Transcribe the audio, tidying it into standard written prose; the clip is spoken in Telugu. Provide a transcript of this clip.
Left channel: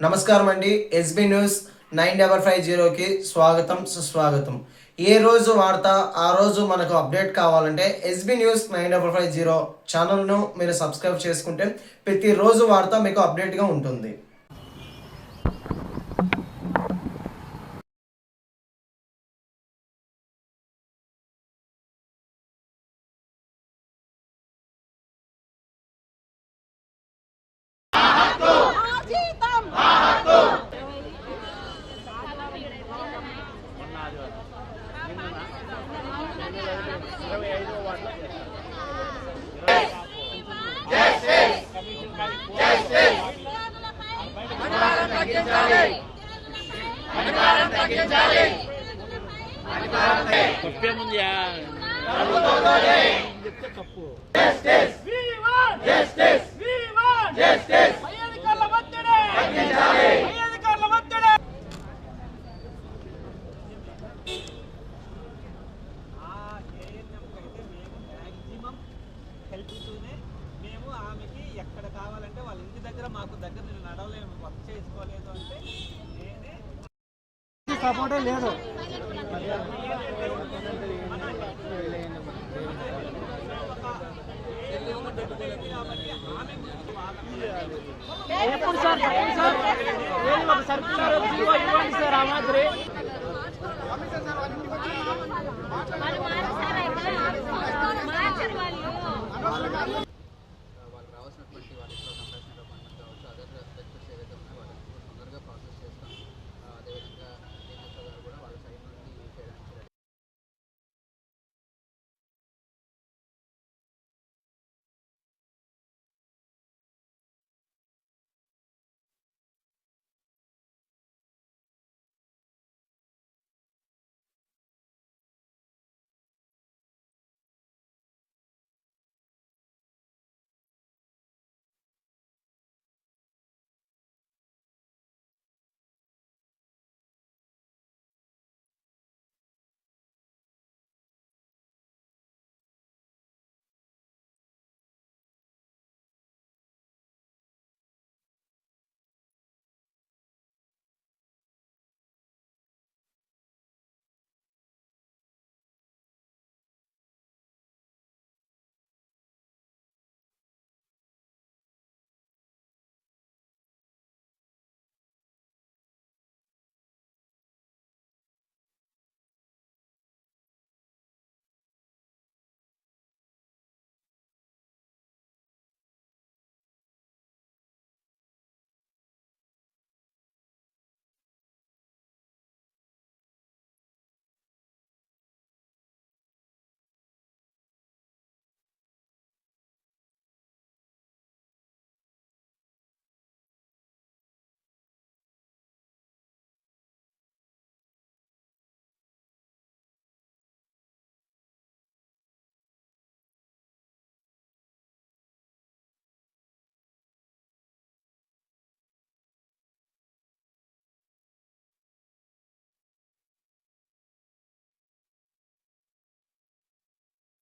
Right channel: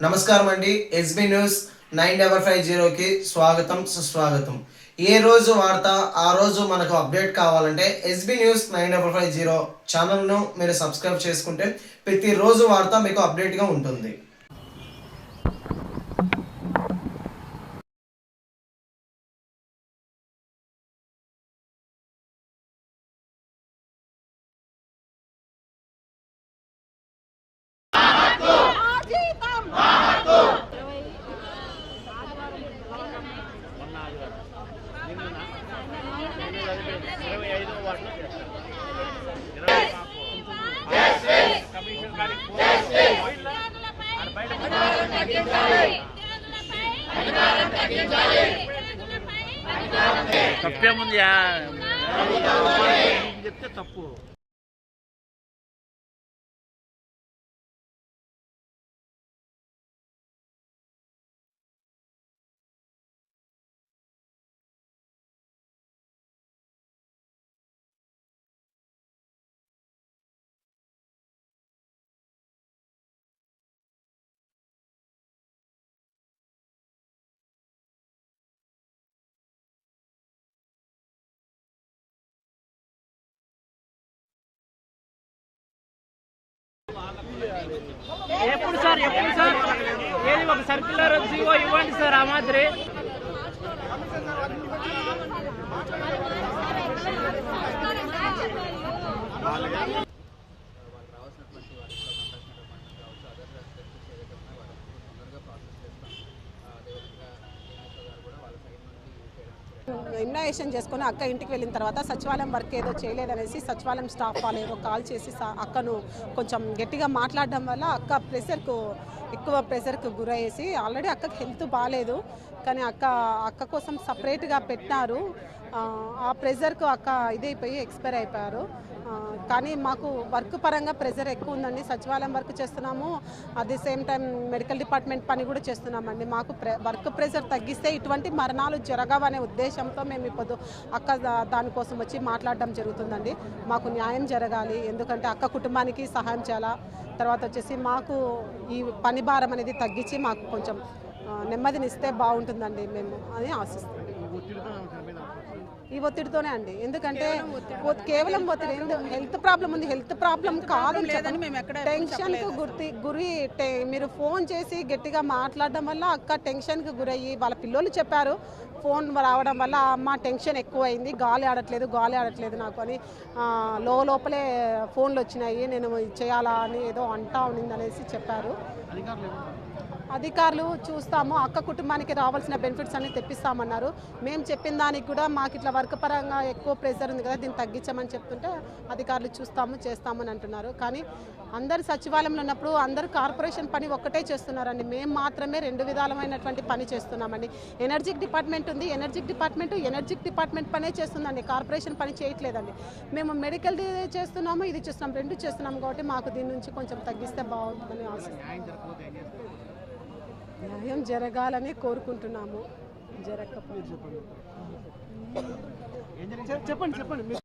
నమస్కారం అండి. ఎస్బీ న్యూస్ 9550కి స్వాగతం సుస్వాగతం. ఏ రోజు వార్త ఆ రోజు మనకు అప్డేట్ కావాలంటే ఎస్బీ న్యూస్ 9550 ఛానల్ను మీరు సబ్స్క్రైబ్ చేసుకుంటే ప్రతిరోజు వార్త మీకు అప్డేట్గా ఉంటుంది. తప్పేముంది చెప్తే తప్పు. మేము ఆమెకి ఎక్కడ కావాలంటే వాళ్ళ ఇంటి దగ్గర మాకు దగ్గర నేను నడవలేము, వర్క్ చేసుకోలేదు అంటే నేనే సపోర్టే లేదు. వాళ్ళకి రావాల్సినటువంటి వాళ్ళ ఇంట్లో కంపాషనెట్ అపాయింట్మెంట్ కావచ్చు, అదర్ బెనిఫిట్స్ ఏవైతే ఉన్నాయో వాటిని తొందరగా ప్రాసెస్ చేస్తాం. అదేవిధంగా డిఎన్ఎస్ఓ గారు కూడా వాళ్ళ సైడ్ నుండి చేయడానికి ఇన్వెస్టిగేషన్ చేసుకుని అక్క ఇంటికి వెళ్ళిన తర్వాత సచివాలయం వర్క్ ఏదో చేయలేదనేసి సచివాలయం స్టాఫ్ వాళ్ళు ఏదో కాల్ చేసి అక్కను కొంచెం గట్టిగా మాట్లాడడం వల్ల అక్క ఎక్కువ ప్రెషర్కు గురయ్యేసి ఆల్రెడీ అక్కకి హెల్త్ బాగాలేదు, కానీ అక్క కోసం సపరేట్గా పెట్టినారు. ఆ ప్రెషర్కు అక్క ఇదైపోయి ఎక్స్పైర్ అయిపోయారు. కానీ మాకు వర్క్ పరంగా ప్రెషర్ ఎక్కువ ఉందండి. సచివాలయం వర్క్ చేస్తున్నాము, at the same time medical department పని కూడా చేస్తున్నామండి. మాకు వర్క్ ప్రెషర్ తగ్గిస్తే ఇటువంటి మరణాలు జరగవనే ఉద్దేశంతో మేము ఇప్పుడు అక్క దానికోసం వచ్చి మాట్లాడడం జరుగుతుందండి. మాకు న్యాయం జరగాలి, ఎందుకంటే అక్క కుటుంబానికి సహాయం చేయాలా. తర్వాత వచ్చేసి మాకు ఈ పని భారం అనేది తగ్గించి మాకు కొంచెం నెమ్మదినిస్తే బాగుంటుందండి మేము అని ఆశిస్తాం. ఈ ఒత్తిడితోనే అండి, ఎందుకంటే కేవలం ఒత్తిడి, హెల్త్ ప్రాబ్లం ఉంది, హెల్త్ ప్రాబ్లం కాదు, టెన్షన్కు గురి మీరు ఫోన్ చేసి గట్టిగా మాట్లాడడం వల్ల అక్క టెన్షన్కి గురయ్యి వాళ్ళ పిల్లలు చెప్పారు, ఫోన్ రావడం వల్ల అమ్మ టెన్షన్ ఎక్కువైంది, గాలి ఆడట్లేదు నాకు అని లోపలే ఫోన్లు వచ్చినాయి, నేను చేయాలా అని ఏదో అంటా ఉన్నింది అనేసి చెప్పారు. అధికారులు చూస్తాము, అక్క కుటుంబానికి రావాల్సిన బెనిఫిట్స్ అన్ని తెప్పిస్తామన్నారు. మేము చెప్పిన దానికి కూడా మాకు ఇట్లా వర్క్ పరంగా ఎక్కువ ప్రెషర్ ఉంది కదా, దీన్ని తగ్గించమని చెప్తుంటే అధికారులు చేస్తామని అంటున్నారు. కానీ అందరు సచివాలయంలో ఉన్నప్పుడు అందరూ కార్పొరేషన్ పని ఒక్కటే చేస్తున్నారండి, మేము మాత్రమే 2 విధాలమైనటువంటి పని చేస్తున్నామండి. ఎనర్జిక్ డిపార్ట్మెంట్ ఉంది, ఎనర్జిక్ డిపార్ట్మెంట్ పనే చేస్తుందండి, కార్పొరేషన్ పని చేయట్లేదండి. మేము మెడికల్ చేస్తున్నాము, ఇది చేస్తున్నాం, 2 చేస్తున్నాము. కాబట్టి మాకు దీని నుంచి కొంచెం తగ్గిస్తే బాగుంటుందని ఆశిస్తున్నాం. న్యాయం జరగాలని కోరుకుంటున్నాము. జరగకపోతే చెప్పండి.